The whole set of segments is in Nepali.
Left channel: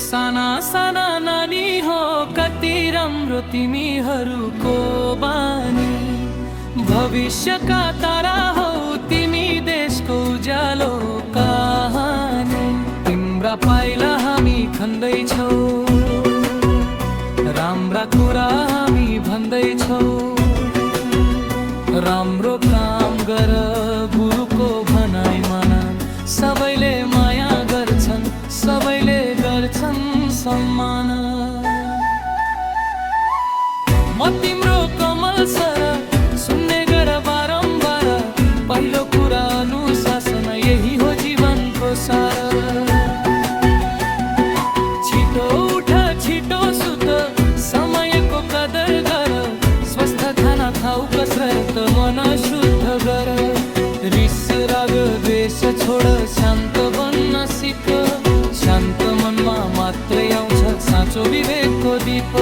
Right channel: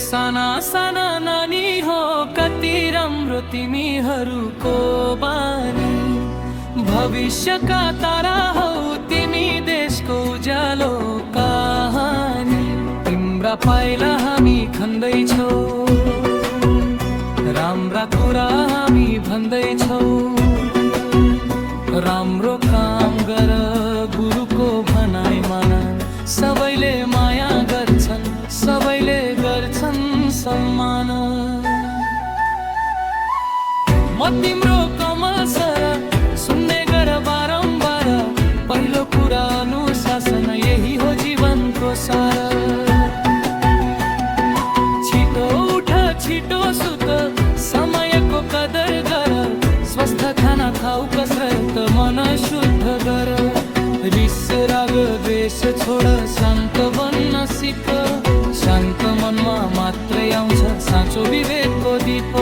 साना साना नानी हो कति राम्रो तिमीहरूको बानी, भविष्यका तारा हो तिमी देशको उज्यालो कहानी। तिम्रा पाइला हामी खन्दैछौ, राम्रा कुरा हामी भन्दैछौ। राम्रो काम गर गुरुको भनाइ मान, सबैले माया गर्छन् सबैले गर्छन् सम्मान। म तिम्रो कमल सर सुन्ने गर बारम्बार, पहिलो कुरा अनुशासन यही हो जीवनको सार। छिटो उठ छिटो सुत समयको कदर गर, स्वस्थ खाना खाऊ कसरत मन शुद्ध गर। रिस राग द्वेष छोड शान्त बन्न सिक, शान्त मनमा मात्रै आउँछ साँचो विवेकको दीप।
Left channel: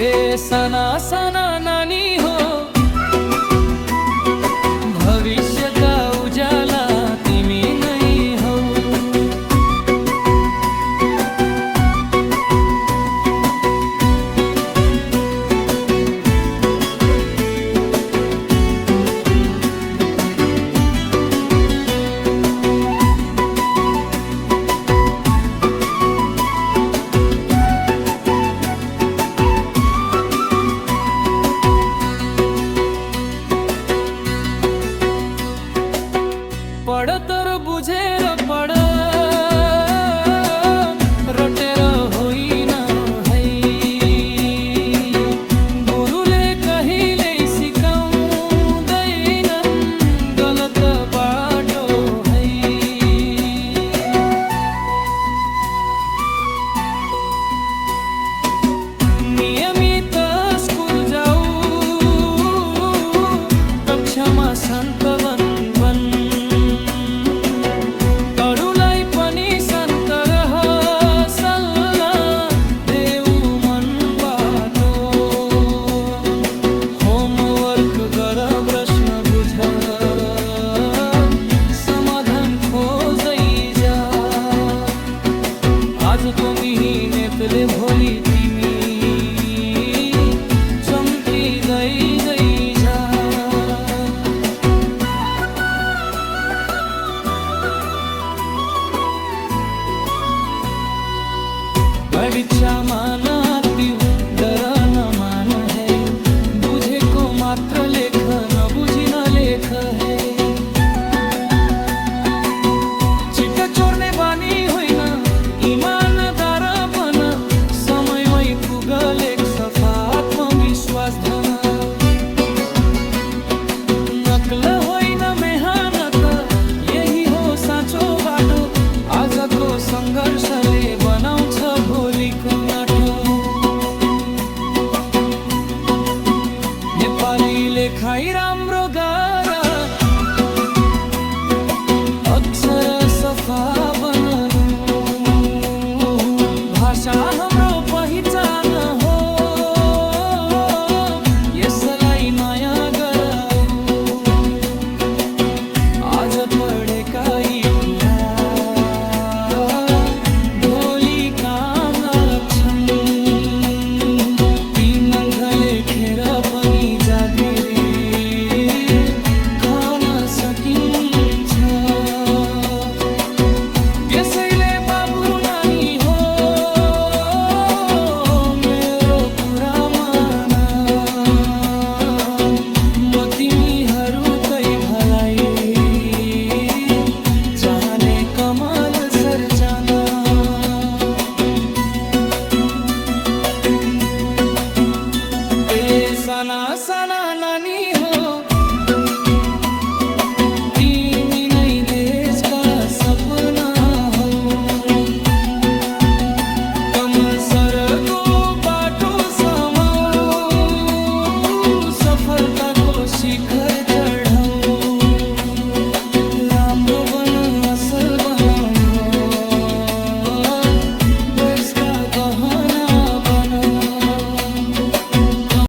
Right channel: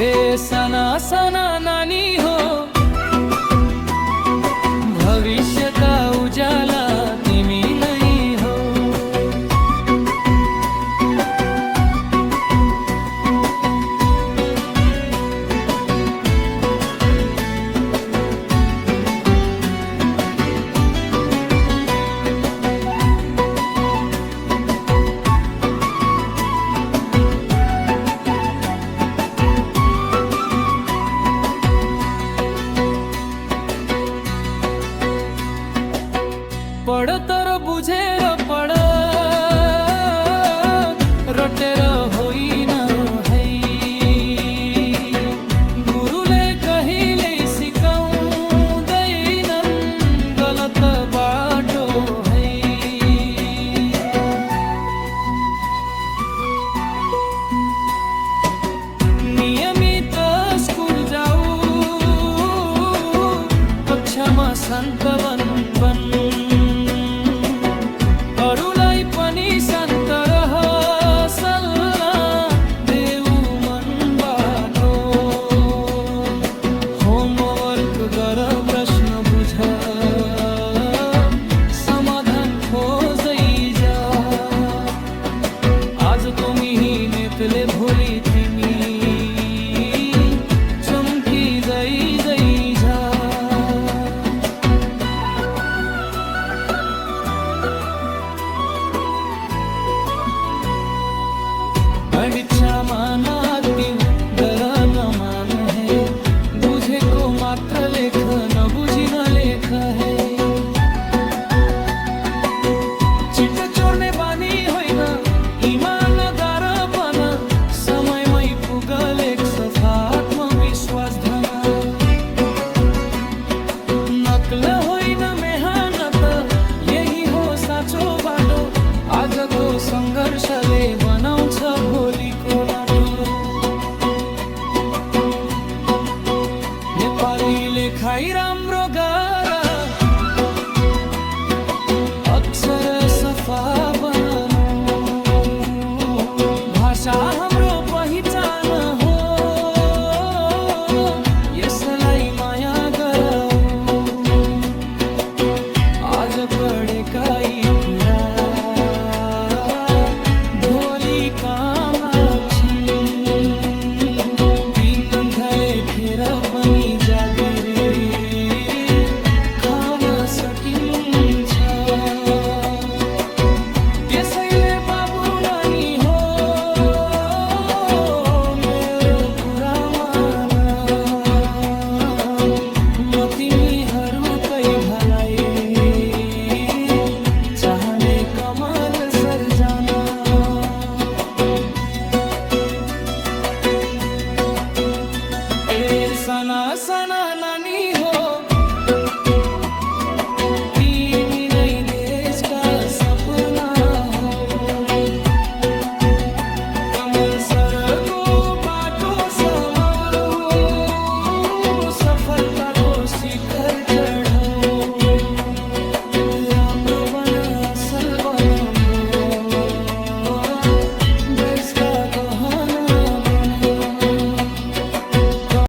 ए साना साना नानी हो भविष्यका उज्याला तिमी नै हौ। पढ तर बुझेर पढ, रटेर होइन है। गुरुले कहिल्यै सिकाउँदैनन् गलत बाटो है। नियमित स्कुल जाऊ, कक्षामा शान्त बन बन। अरूलाई पनि शान्त रह सल्लाह देऊ मनबाट। होमवर्क गर प्रश्न बुझ, समाधान खोज्दै जा। आजको मिहिनेतले भोलि तिमी चम्किँदै जा। परीक्षामा नहात्यौ डर नमान है, बुझेको मात्र लेख नबुझी नलेख है। चिट्ट चोर्ने बानी होइन इमानदार बन, समयमै पुगल एक सफा आत्मविश्वास धन। नक्ल होइन मेहनत यही हो साँचो बाटो, आजको सङ्घर्षले बनाउँछ भोलिको नाटो। नेपाली लेखाइ राम्रो गर, अक्षर सफा बननु। भाषा हाम्रो पहिचान